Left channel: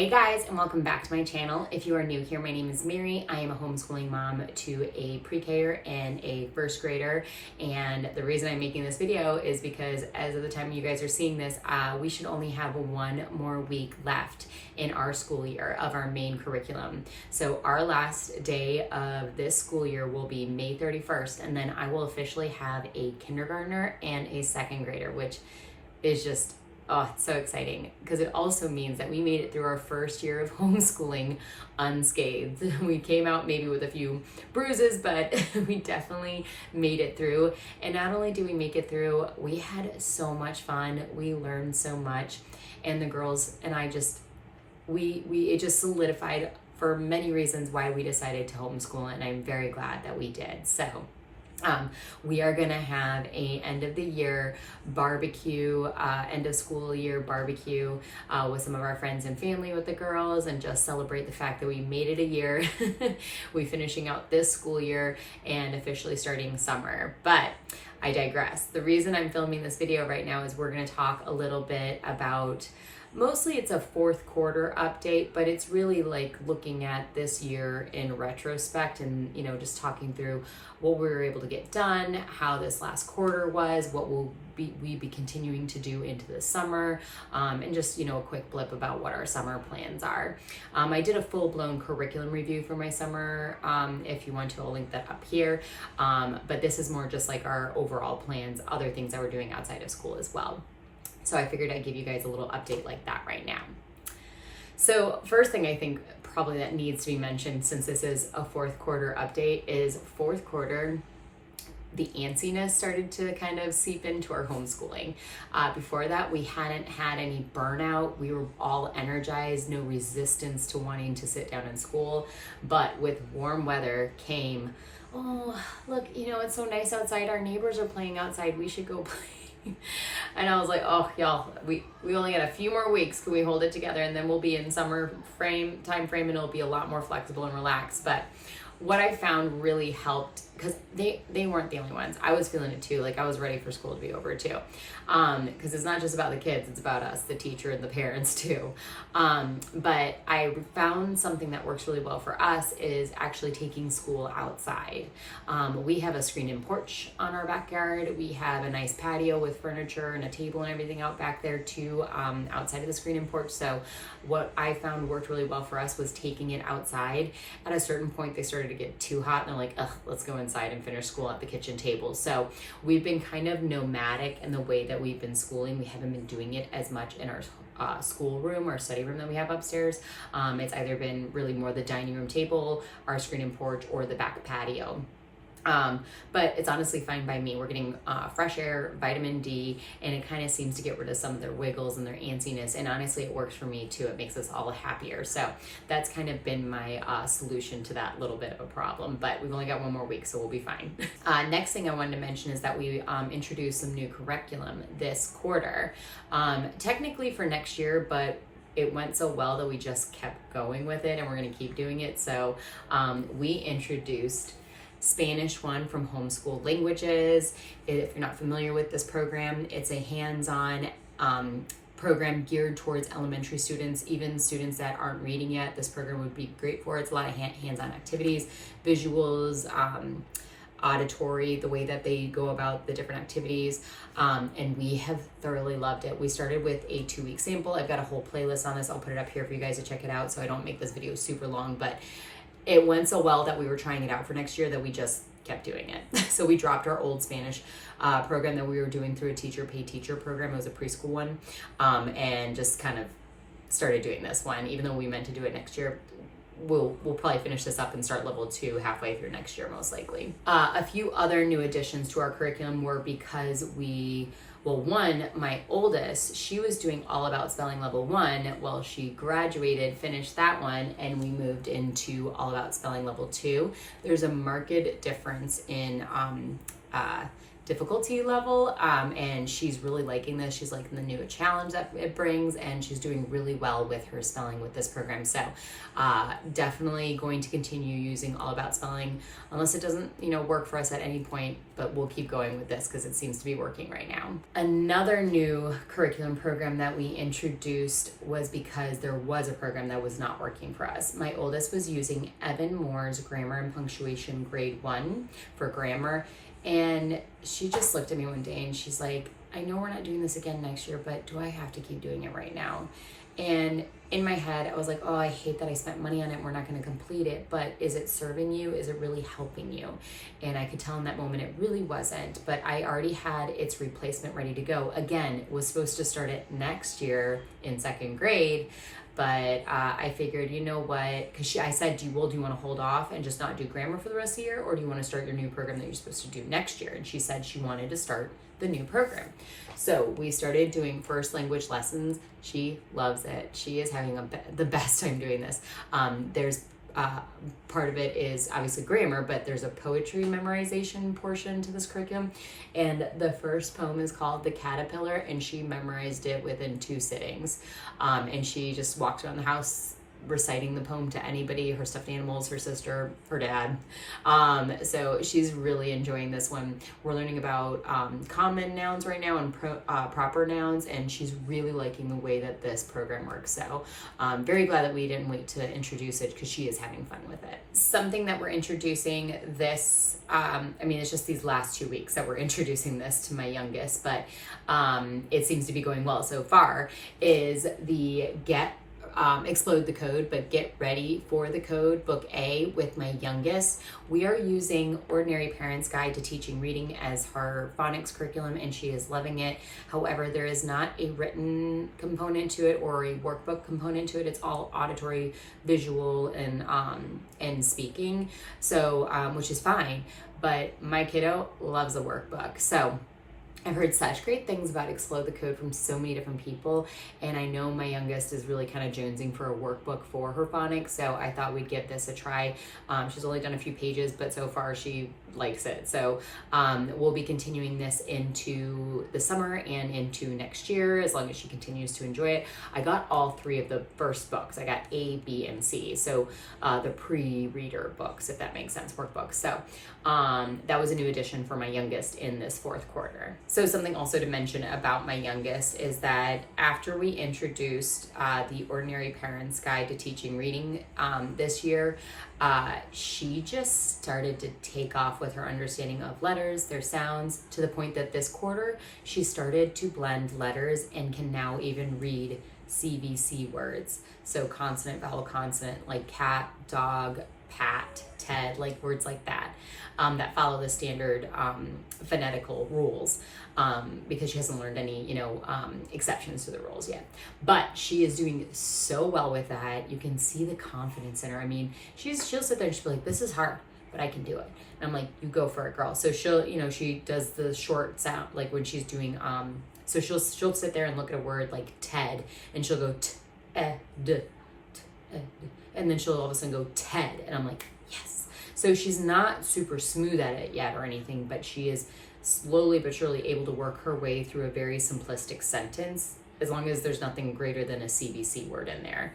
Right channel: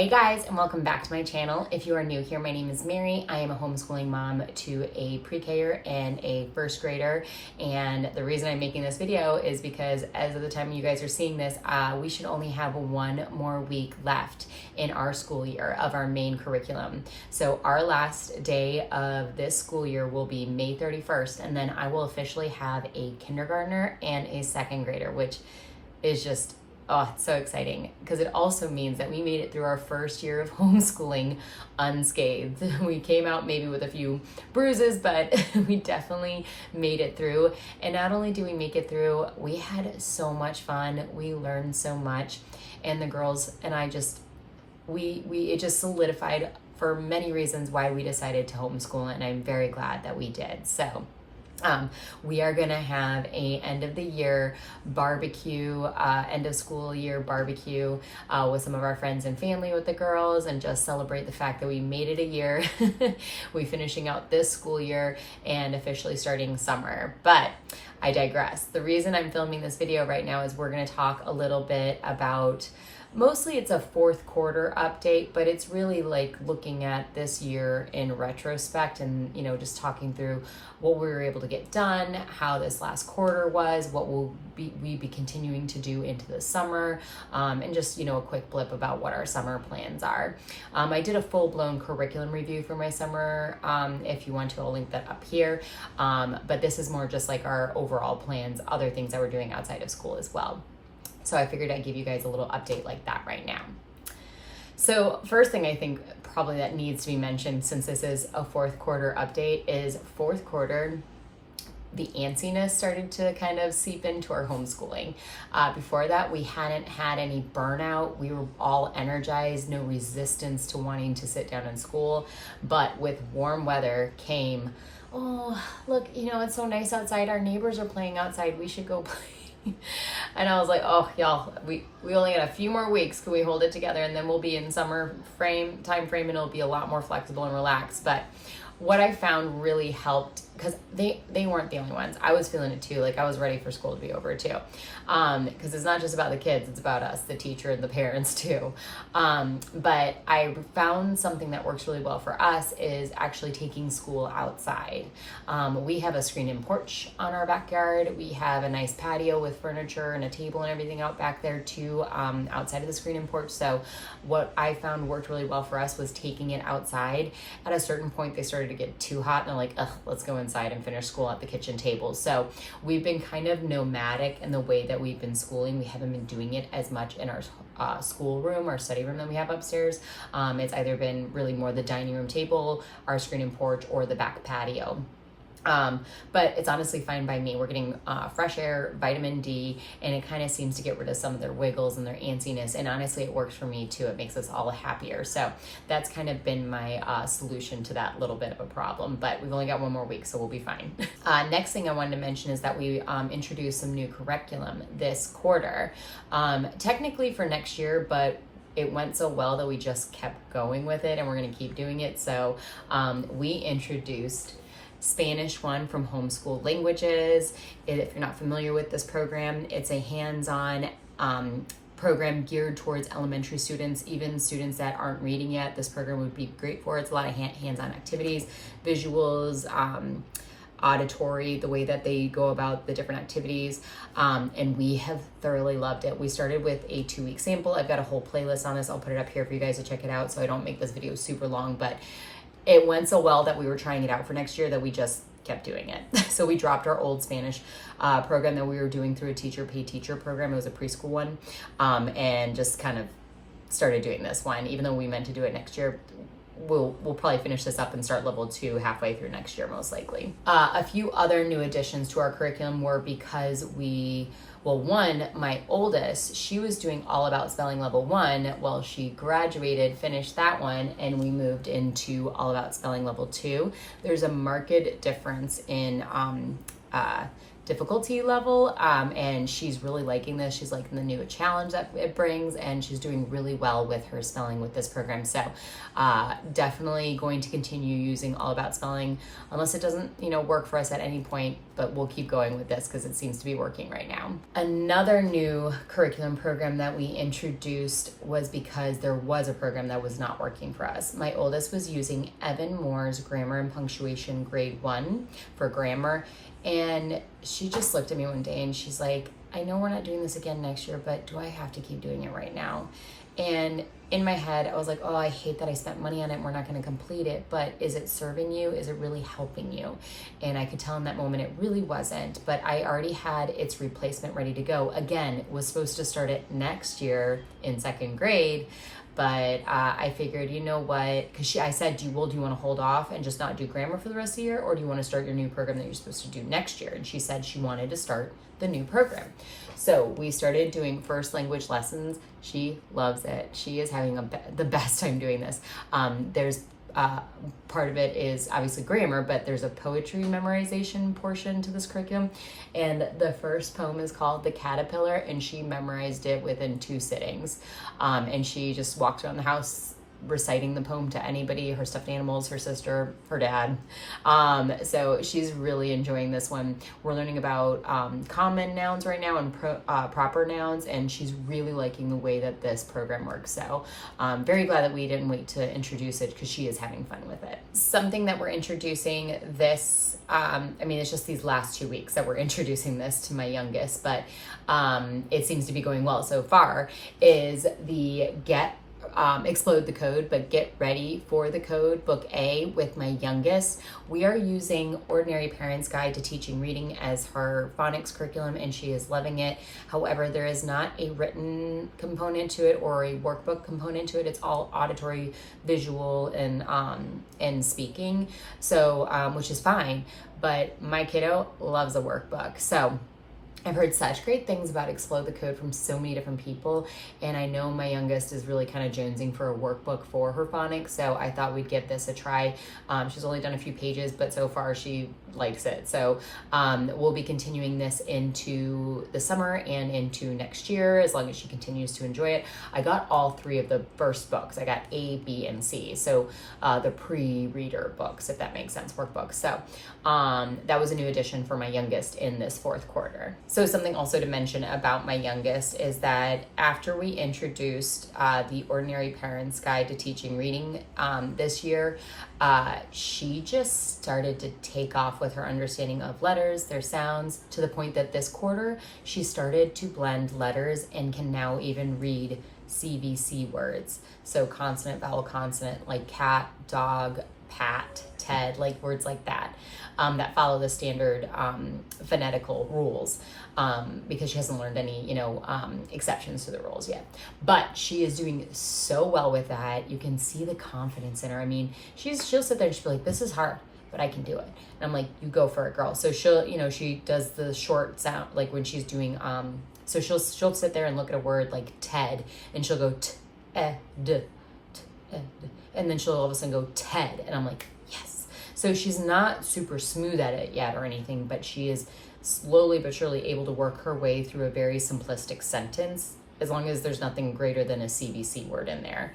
Hey guys, and welcome back to my channel. If you are new here, my name is Mary. I am a homeschooling mom to a pre-Ker and a first grader. And the reason I'm making this video is because as of the time you guys are seeing this, we should only have one more week left in our school year of our main curriculum. So our last day of this school year will be May 31st, and then I will officially have a kindergartner and a second grader, which is just it's so exciting because it also means that we made it through our first year of homeschooling unscathed. We came out maybe with a few bruises, but we definitely made it through. And not only do we make it through, we had so much fun. We learned so much. And the girls and I it just solidified for many reasons why we decided to homeschool, and I'm very glad that we did. So we are gonna have a end of the year barbecue, end of school year barbecue with some of our friends and family with the girls, and just celebrate the fact that we made it a year. We finishing out this school year and officially starting summer. But I digress. The reason I'm filming this video right now is we're gonna talk a little bit about, mostly it's a fourth quarter update, but it's really like looking at this year in retrospect and, just talking through what we were able to get done, how this last quarter was, what we be continuing to do into the summer, and just, a quick blip about what our summer plans are. I did a full-blown curriculum review for my summer. If you want to, I'll link that up here. But this is more just like our overall plans, other things that we're doing outside of school as well. So I figured I'd give you guys a little update like that right now. So first thing I think probably that needs to be mentioned, since this is a fourth quarter update, is fourth quarter, the antsiness started to kind of seep into our homeschooling. Before that, we hadn't had any burnout. We were all energized, no resistance to wanting to sit down in school. But with warm weather came, oh, look, it's so nice outside. Our neighbors are playing outside. We should go play. And I was like, oh, y'all, we only got a few more weeks. Can we hold it together? And then we'll be in summer time frame, and it'll be a lot more flexible and relaxed. But what I found really helped, because they weren't the only ones. I was feeling it too. Like, I was ready for school to be over too. Because it's not just about the kids, it's about us, the teacher and the parents too. But I found something that works really well for us is actually taking school outside. We have a screen-in porch on our backyard. We have a nice patio with furniture and a table and everything out back there too, outside of the screen-in porch. So what I found worked really well for us was taking it outside. At a certain point, they started to get too hot, and they're like, ugh, let's go inside and finish school at the kitchen table. So we've been kind of nomadic in the way that we've been schooling. We haven't been doing it as much in our school room or study room that we have upstairs. It's either been really more the dining room table, our screen and porch, or the back patio. But it's honestly fine by me. We're getting fresh air, vitamin D, and it kind of seems to get rid of some of their wiggles and their antsiness. And honestly, it works for me too. It makes us all happier. So that's kind of been my solution to that little bit of a problem. But we've only got one more week, so we'll be fine. Next thing I wanted to mention is that we introduced some new curriculum this quarter. Technically for next year, but it went so well that we just kept going with it, and we're going to keep doing it. So we introduced Spanish 1 from Homeschool Languages. If you're not familiar with this program, it's a hands-on program geared towards elementary students, even students that aren't reading yet. This program would be great for. It's a lot of hands-on activities, visuals, auditory, the way that they go about the different activities, and we have thoroughly loved it. We started with a 2-week sample. I've got a whole playlist on this. I'll put it up here for you guys to check it out so I don't make this video super long, but it went so well that we were trying it out for next year that we just kept doing it. So we dropped our old Spanish program that we were doing through a teacher pay teacher program. It was a preschool one, and just kind of started doing this one. Even though we meant to do it next year, we'll probably finish this up and start level 2 halfway through next year, most likely. A few other new additions to our curriculum were because one, my oldest, she was doing All About Spelling level 1. Well, she graduated, finished that one, and we moved into All About Spelling level 2. There's a marked difference in difficulty level, and she's really liking this. She's liking the new challenge that it brings, and she's doing really well with her spelling with this program. So definitely going to continue using All About Spelling unless it doesn't, work for us at any point, but we'll keep going with this because it seems to be working right now. Another new curriculum program that we introduced was because there was a program that was not working for us. My oldest was using Evan Moore's Grammar and Punctuation Grade 1 for grammar, and she just looked at me one day and she's like, I know we're not doing this again next year, but do I have to keep doing it right now? And in my head, I was like, oh, I hate that I spent money on it. We're not going to complete it, but is it serving you? Is it really helping you? And I could tell in that moment it really wasn't, but I already had its replacement ready to go. Again, was supposed to start it next year in 2nd grade, but I figured, you know what, because I said, do you want to hold off and just not do grammar for the rest of the year, or do you want to start your new program that you're supposed to do next year? And she said she wanted to start the new program. So we started doing first language lessons. She loves it. She is having the best time doing this. There's part of it is obviously grammar, but there's a poetry memorization portion to this curriculum. And the first poem is called The Caterpillar, and she memorized it within 2 sittings. And she just walked around the house reciting the poem to anybody, her stuffed animals, her sister, her dad. So she's really enjoying this one. We're learning about common nouns right now and proper nouns, and she's really liking the way that this program works. So I'm very glad that we didn't wait to introduce it because she is having fun with it. Something that we're introducing this, it's just these last 2 weeks that we're introducing this to my youngest, but it seems to be going well so far, is the Explode the Code, but Get Ready for the Code, Book A, with my youngest. We are using Ordinary Parents Guide to Teaching Reading as her phonics curriculum, and she is loving it. However, there is not a written component to it or a workbook component to it. It's all auditory, visual, and speaking, so which is fine, but my kiddo loves a workbook. So I've heard such great things about Explode the Code from so many different people, and I know my youngest is really kind of jonesing for a workbook for her phonics, so I thought we'd give this a try. She's only done a few pages, but so far she likes it. So we'll be continuing this into the summer and into next year as long as she continues to enjoy it. I got all 3 of the first books. I got A, B, and C, so the pre-reader books, if that makes sense, workbooks. So that was a new addition for my youngest in this 4th quarter. So something also to mention about my youngest is that after we introduced the Ordinary Parents Guide to Teaching Reading this year, she just started to take off with her understanding of letters, their sounds, to the point that this quarter she started to blend letters and can now even read CVC words. So consonant, vowel, consonant, like cat, dog, pat, Ted, like words like that, that follow the standard phonetical rules, because she hasn't learned any, exceptions to the rules yet. But she is doing so well with that. You can see the confidence in her. I mean, she'll sit there and she'll be like, this is hard, but I can do it. And I'm like, you go for it, girl. So she'll, she does the short sound, like when she's doing, so she'll sit there and look at a word like Ted, and she'll go t-e-d, and then she'll all of a sudden go Ted, and I'm like, yes. So she's not super smooth at it yet or anything, but she is slowly but surely able to work her way through a very simplistic sentence, as long as there's nothing greater than a CVC word in there.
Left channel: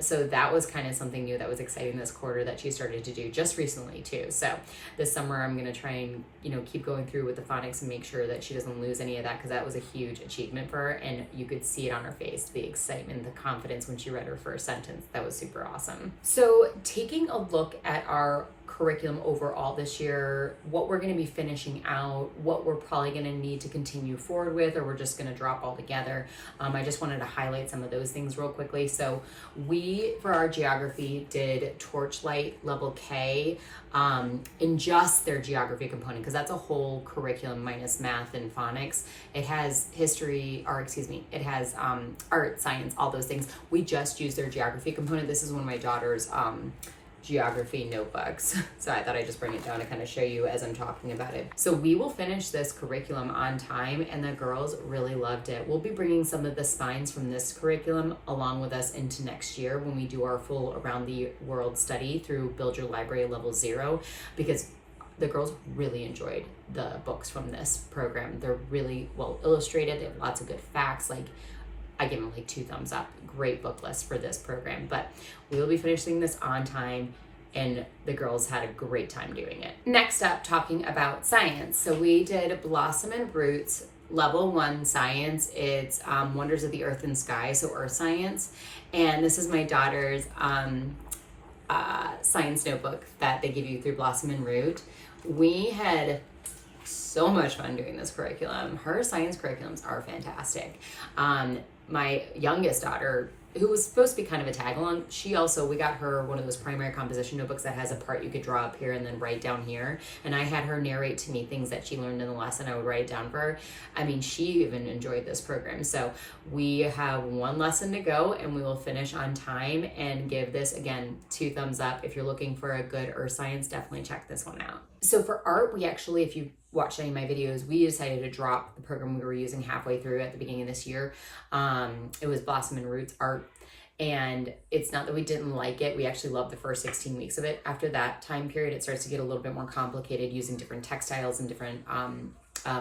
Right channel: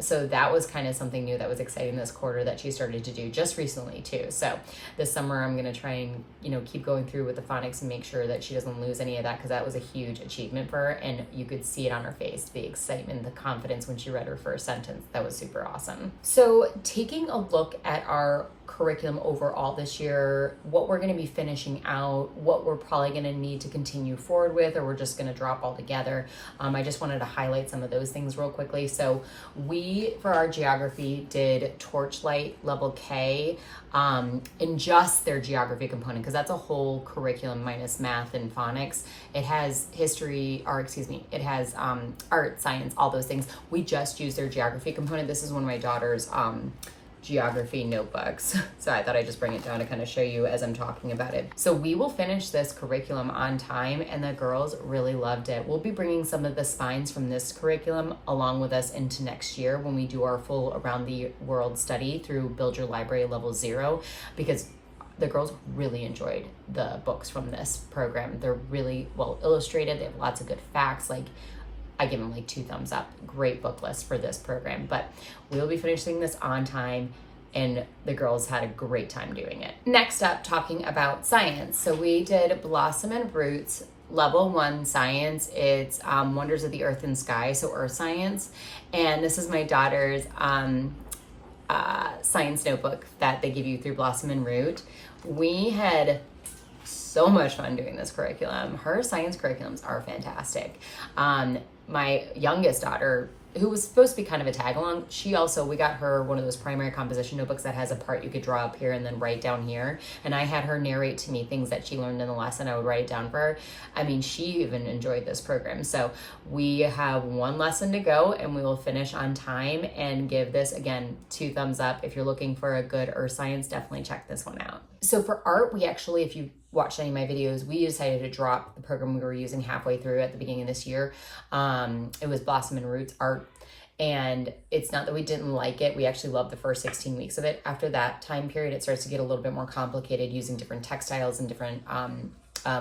So that was kind of something new that was exciting this quarter that she started to do just recently too. So this summer I'm gonna try and, keep going through with the phonics and make sure that she doesn't lose any of that, because that was a huge achievement for her, and you could see it on her face, the excitement, the confidence when she read her first sentence. That was super awesome. So taking a look at our curriculum overall this year, what we're going to be finishing out, what we're probably going to need to continue forward with, or we're just going to drop all together. I just wanted to highlight some of those things real quickly. So we, for our geography, did Torchlight Level K, in just their geography component, because that's a whole curriculum minus math and phonics. It has it has art, science, all those things. We just use their geography component. This is one of my daughter's geography notebooks. So I thought I'd just bring it down to kind of show you as I'm talking about it. So we will finish this curriculum on time, and the girls really loved it. We'll be bringing some of the spines from this curriculum along with us into next year when we do our full around the world study through Build Your Library Level 0, because the girls really enjoyed the books from this program. They're really well illustrated. They have lots of good facts. Like, I give them like 2 thumbs up. Great book list for this program. But we will be finishing this on time, and the girls had a great time doing it. Next up, talking about science. So we did Blossom and Roots Level 1 Science. It's Wonders of the Earth and Sky, so Earth Science. And this is my daughter's science notebook that they give you through Blossom and Root. We had so much fun doing this curriculum. Her science curriculums are fantastic. My youngest daughter, who was supposed to be kind of a tag along, we got her one of those primary composition notebooks that has a part you could draw up here and then write down here. And I had her narrate to me things that she learned in the lesson. I would write it down for her. I mean, she even enjoyed this program. So we have 1 lesson to go, and we will finish on time and give this, again, 2 thumbs up. If you're looking for a good earth science, definitely check this one out. So for art, we actually, if you watched any of my videos, we decided to drop the program we were using halfway through at the beginning of this year. It was Blossom and Roots Art. And it's not that we didn't like it. We actually loved the first 16 weeks of it. After that time period, it starts to get a little bit more complicated using different textiles and different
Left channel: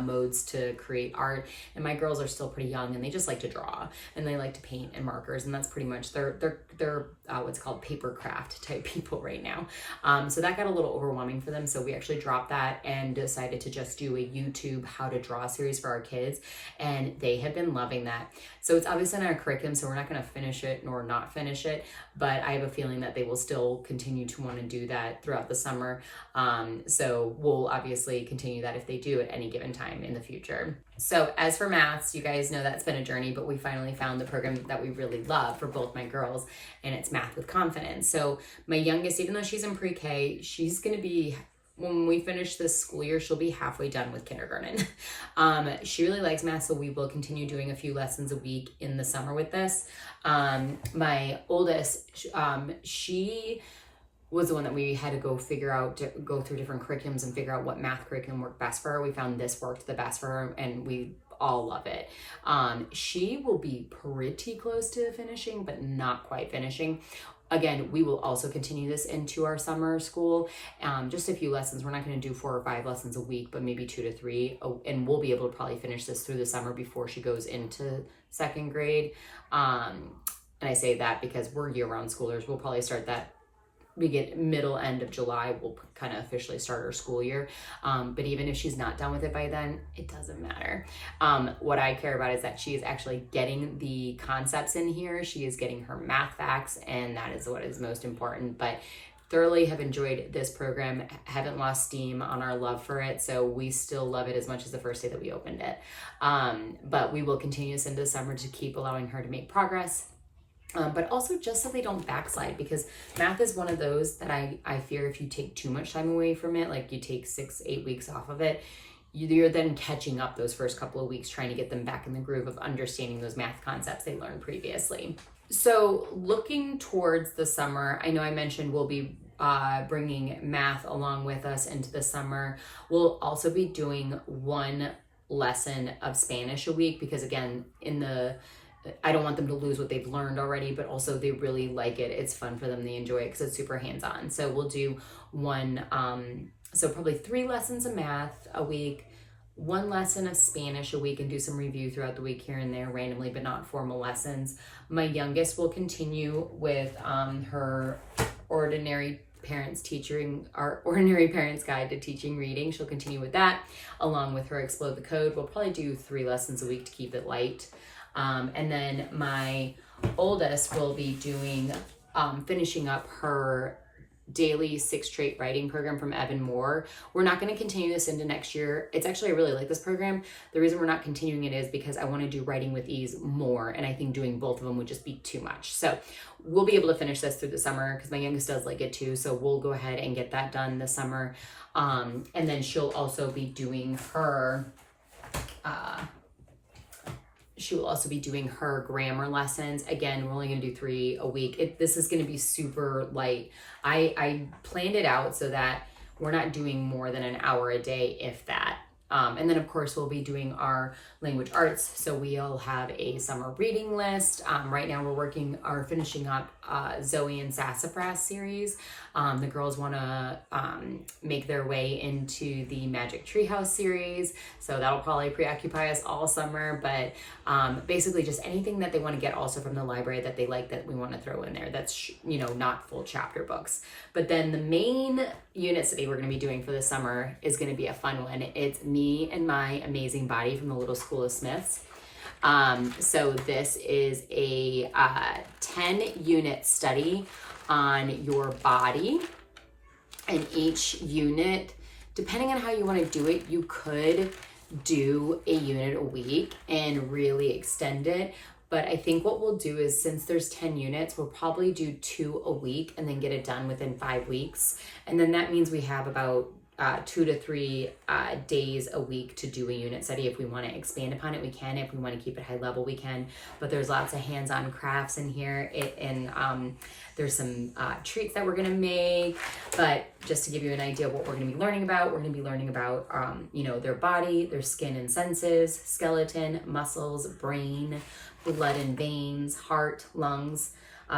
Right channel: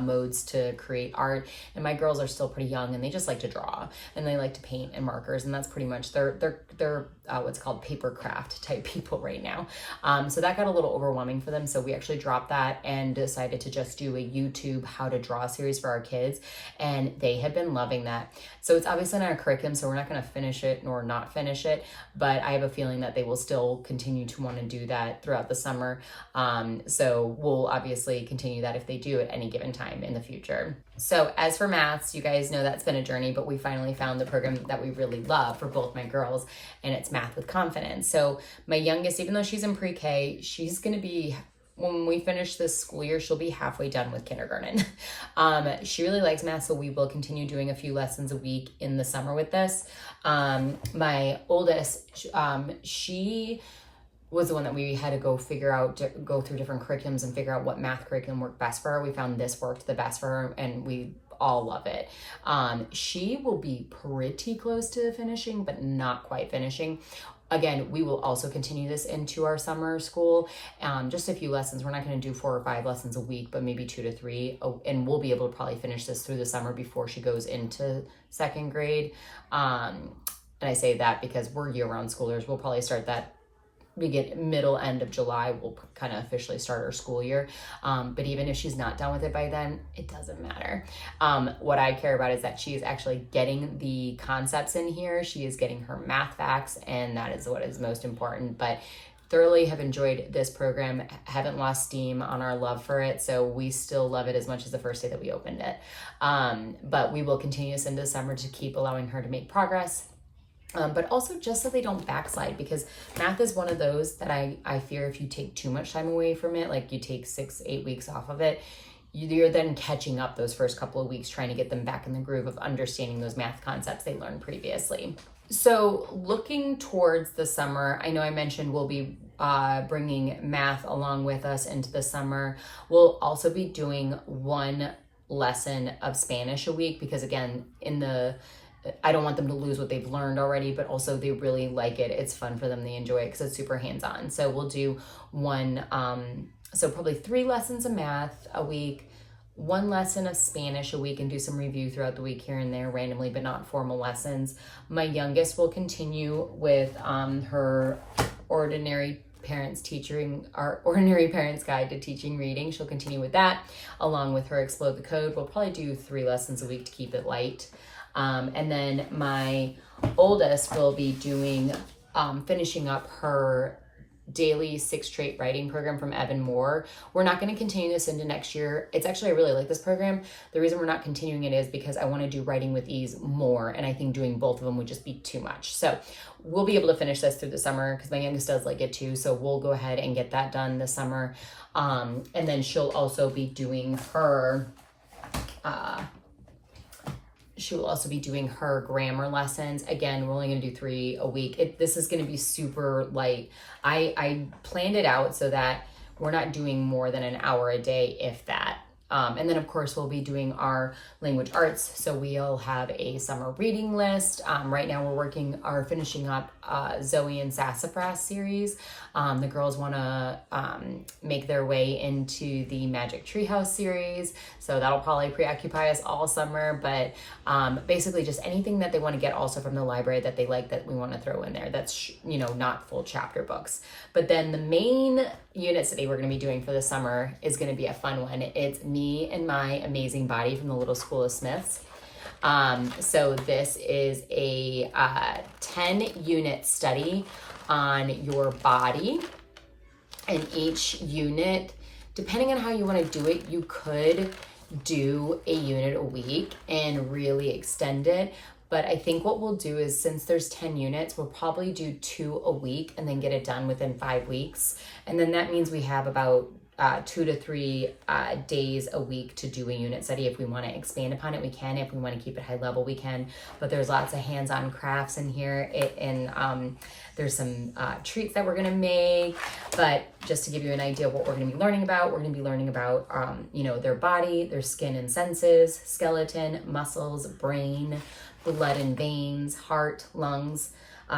modes to create art. And my girls are still pretty young, and they just like to draw, and they like to paint and markers, and that's pretty much they're what's called paper craft type people right now. So that got a little overwhelming for them. So we actually dropped that and decided to just do a YouTube how to draw series for our kids, and they have been loving that. So it's obviously not our curriculum, so we're not going to finish it nor not finish it, but I have a feeling that they will still continue to want to do that throughout the summer. So we'll obviously continue that if they do at any given time in the future. So as for maths, you guys know that's been a journey, but we finally found the program that we really love for both my girls, and it's Math with Confidence. So my youngest, even though she's in pre-K, she's going to be, when we finish this school year, she'll be halfway done with kindergarten. She really likes math, so we will continue doing a few lessons a week in the summer with this. My oldest, she was the one that we had to go through different curriculums and figure out what math curriculum worked best for her. We found this worked the best for her, and we all love it. She will be pretty close to finishing, but not quite finishing. Again, we will also continue this into our summer school. Just a few lessons. We're not going to do 4 or 5 lessons a week, but maybe 2 to 3. And we'll be able to probably finish this through the summer before she goes into 2nd grade. And I say that because we're year-round schoolers. We'll probably start that middle end of July. We'll kind of officially start our school year. But even if she's not done with it by then, it doesn't matter. What I care about is that she is actually getting the concepts in here. She is getting her math facts, and that is what is most important. But thoroughly have enjoyed this program, haven't lost steam on our love for it, so we still love it as much as the first day that we opened it. But we will continue this into the summer to keep allowing her to make progress. But also just so they don't backslide, because math is one of those that I fear if you take too much time away from it, like you take 6-8 weeks off of it, you're then catching up those first couple of weeks trying to get them back in the groove of understanding those math concepts they learned previously. So looking towards the summer, I know I mentioned we'll be bringing math along with us into the summer. We'll also be doing 1 lesson of Spanish a week, because again, I don't want them to lose what they've learned already, but also they really like it. It's fun for them. They enjoy it because it's super hands-on. So we'll do 1, so probably 3 lessons of math a week, 1 lesson of Spanish a week, and do some review throughout the week here and there randomly, but not formal lessons. My youngest will continue with her Ordinary Parents Guide to Teaching Reading. She'll continue with that along with her Explode the Code. We'll probably do 3 lessons a week to keep it light. And then my oldest will be doing, finishing up her daily 6 trait writing program from Evan Moore. We're not going to continue this into next year. It's actually, I really like this program. The reason we're not continuing it is because I want to do Writing with Ease more, and I think doing both of them would just be too much. So we'll be able to finish this through the summer because my youngest does like it too. So we'll go ahead and get that done this summer. And then she'll also be doing her, she will also be doing her grammar lessons. Again, we're only going to do 3 a week. This is going to be super light. I planned it out so that we're not doing more than an hour a day, if that. And then of course we'll be doing our language arts. So we'll have a summer reading list. Right now we're finishing up Zoe and Sassafras series. The girls want to make their way into the Magic Treehouse series. So that'll probably preoccupy us all summer, but basically just anything that they want to get also from the library that they like that we want to throw in there. That's, not full chapter books. But then the main unit study we're going to be doing for the summer is going to be a fun one. It's Me and My Amazing Body from the Little School of Smiths. So this is a 10-unit study on your body, and each unit, depending on how you want to do it, you could do a unit a week and really extend it. But I think what we'll do is, since there's 10 units, we'll probably do 2 a week and then get it done within 5 weeks. And then that means we have about 2 to 3 days a week to do a unit study. If we want to expand upon it, we can. If we want to keep it high level, we can. But there's lots of hands-on crafts in here. There's some treats that we're going to make. But just to give you an idea of what we're going to be learning about, we're going to be learning about, their body, their skin and senses, skeleton, muscles, brain, blood and veins, heart, lungs,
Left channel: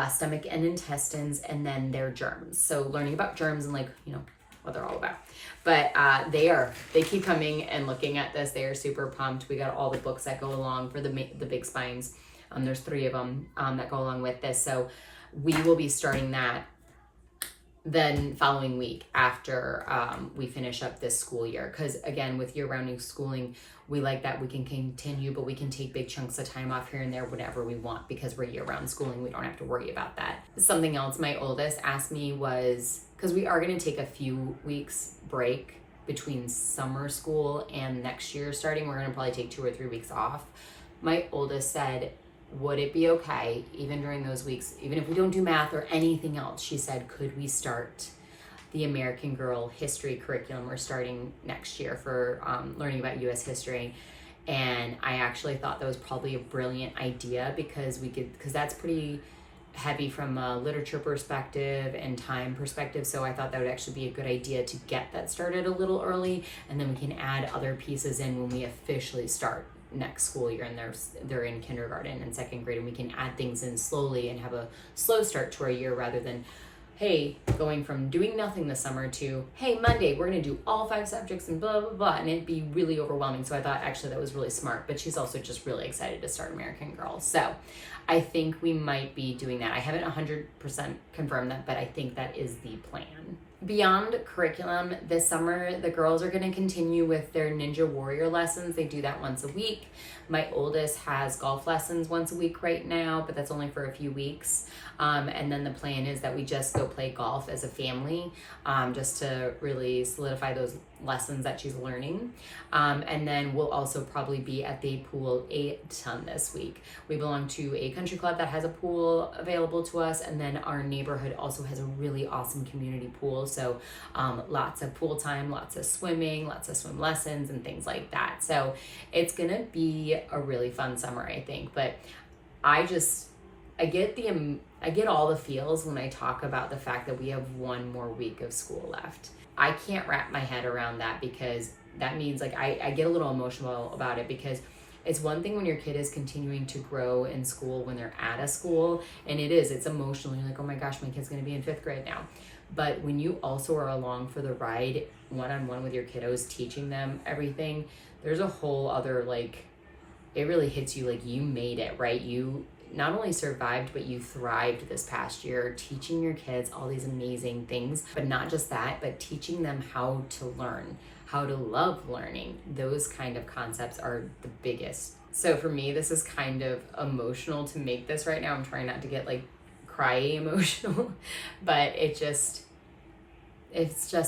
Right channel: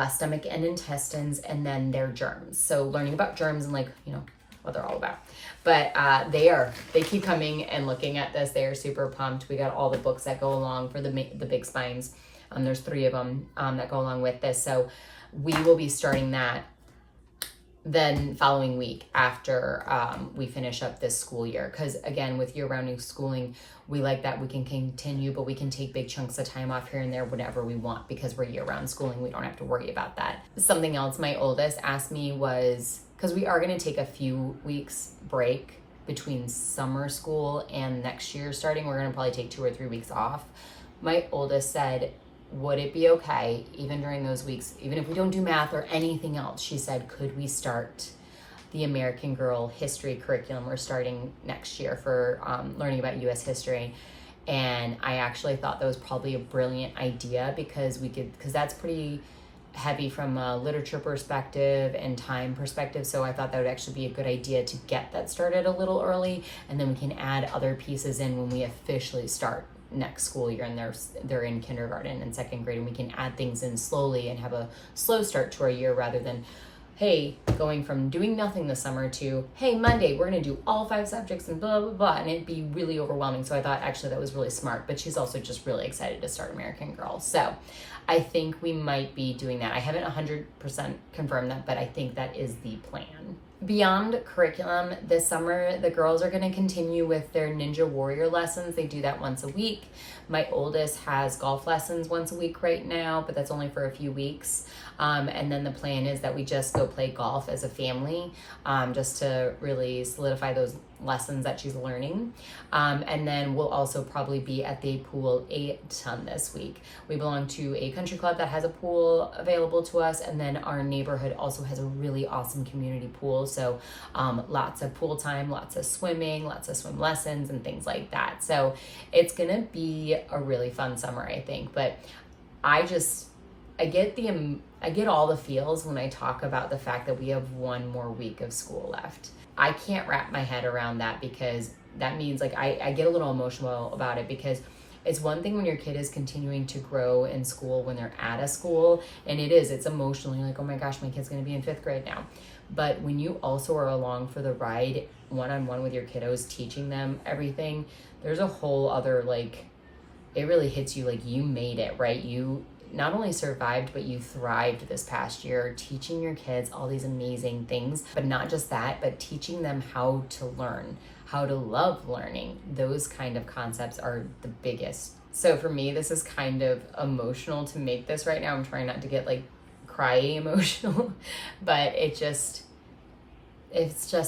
stomach and intestines, and then their germs. So learning about germs and what they're all about. But they keep coming and looking at this. They are super pumped. We got all the books that go along for the big spines. There's 3 of them that go along with this. So we will be starting that then following week after we finish up this school year. Because again, with year-round schooling, we like that we can continue, but we can take big chunks of time off here and there whenever we want, because we're year-round schooling. We don't have to worry about that. Something else my oldest asked me was, because we are going to take a few weeks break between summer school and next year starting, we're going to probably take 2 or 3 weeks off. My oldest said, would it be okay, even during those weeks, even if we don't do math or anything else, she said, could we start the American Girl history curriculum we're starting next year for learning about U.S. history? And I actually thought that was probably a brilliant idea, because that's pretty heavy from a literature perspective and time perspective. So I thought that would actually be a good idea to get that started a little early, and then we can add other pieces in when we officially start next school year and they're in kindergarten and 2nd grade, and we can add things in slowly and have a slow start to our year, rather than, hey, going from doing nothing this summer to, hey, Monday we're going to do all 5 subjects and blah blah blah, and it'd be really overwhelming. So I thought actually that was really smart. But she's also just really excited to start American Girl, so I think we might be doing that. I haven't 100% confirmed that, but I think that is the plan. Beyond curriculum, this summer, the girls are going to continue with their Ninja Warrior lessons. They do that once a week. My oldest has golf lessons once a week right now, but that's only for a few weeks. And then the plan is that we just go play golf as a family, just to really solidify those lessons that she's learning. And then we'll also probably be at the pool a ton this week. We belong to a country club that has a pool available to us, and then our neighborhood also has a really awesome community pool. So lots of pool time, lots of swimming, lots of swim lessons and things like that. So it's gonna be a really fun summer, I think. But I get all the feels when I talk about the fact that we have 1 more week of school left. I can't wrap my head around that, because that means I get a little emotional about it, because it's one thing when your kid is continuing to grow in school when they're at a school, and it's emotional. You're like, oh my gosh, my kid's gonna be in 5th grade now. But when you also are along for the ride, one-on-one with your kiddos, teaching them everything, there's a whole other, it really hits you like you made it, right? You not only survived, but you thrived this past year, teaching your kids all these amazing things. But not just that, but teaching them how to learn, how to love learning. Those kind of concepts are the biggest. So for me, this is kind of emotional to make this right now. I'm trying not to get cryy emotional, but it's just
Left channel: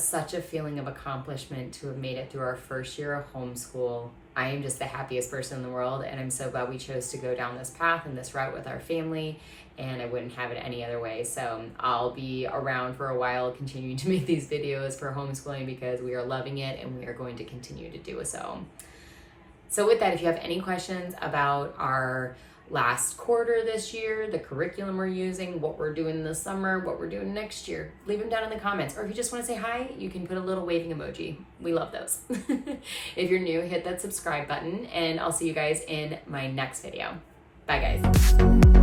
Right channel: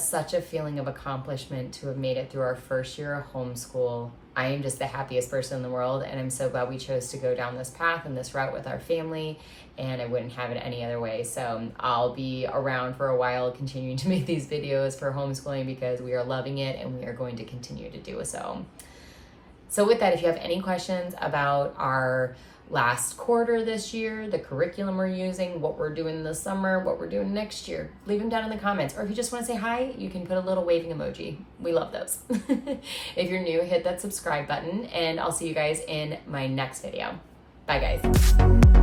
such a feeling of accomplishment to have made it through our first year of homeschool. I am just the happiest person in the world, and I'm so glad we chose to go down this path and this route with our family, and I wouldn't have it any other way. So I'll be around for a while continuing to make these videos for homeschooling, because we are loving it and we are going to continue to do so. So with that, if you have any questions about our last quarter this year, the curriculum we're using, what we're doing this summer, what we're doing next year. Leave them down in the comments. Or if you just want to say hi, you can put a little waving emoji. We love those. If you're new, hit that subscribe button, and I'll see you guys in my next video. Bye, guys.